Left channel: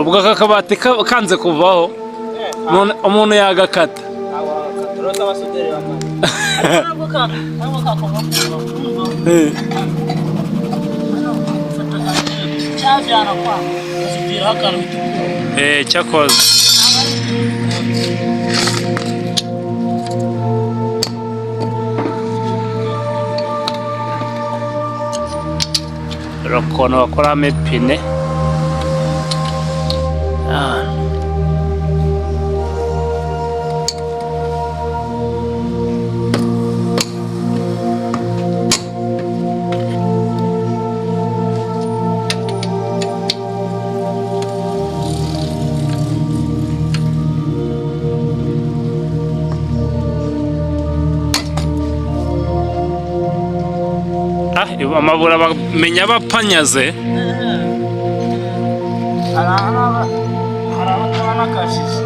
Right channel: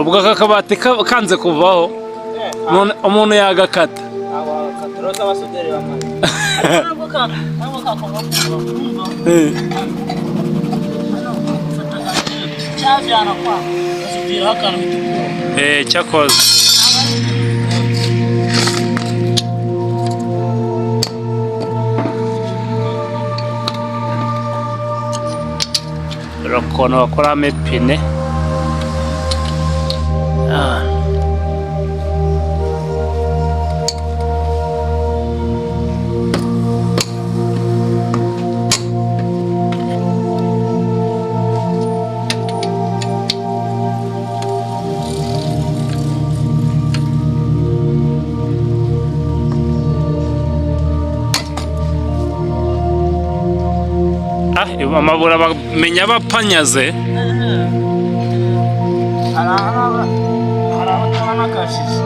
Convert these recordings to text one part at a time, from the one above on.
ubwo aka kabati kanze kuvaho umuntu yagakata roza basuderi bamaze cyajyana kwa basudira akantu bitukura cyakoze ukuntu bakoramo ipine amabura bamenya bapanyaze hari abatabona akashije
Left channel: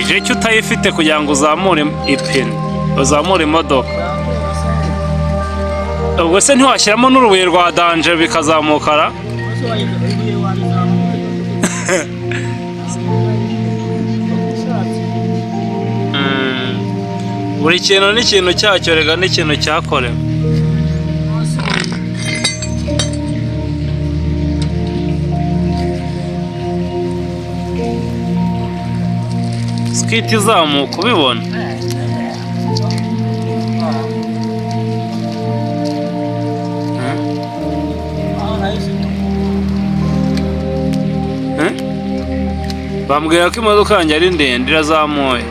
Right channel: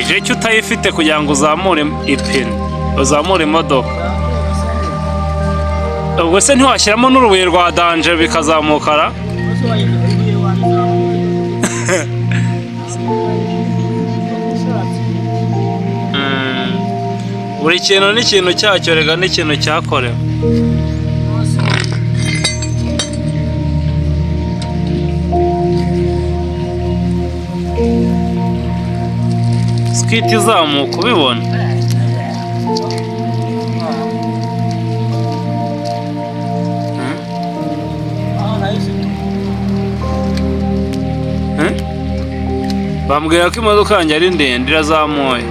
ije cyo utayifite kugira ngo uzamure ipine uzamure imodoka ubwo se ntiwashyiramo n'urubuye rwa danje bikazamukara buri kintu n'ikintu cyacyo rega n'ikintu cyakorewe skiti izamuka ubibona bambwira ko imodoka yanjye ari ndende irazamuye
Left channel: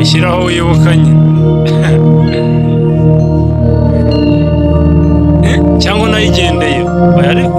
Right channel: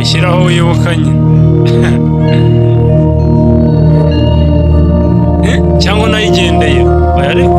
ushyiraho wibukanye cyangwa unayigendeye oya ariko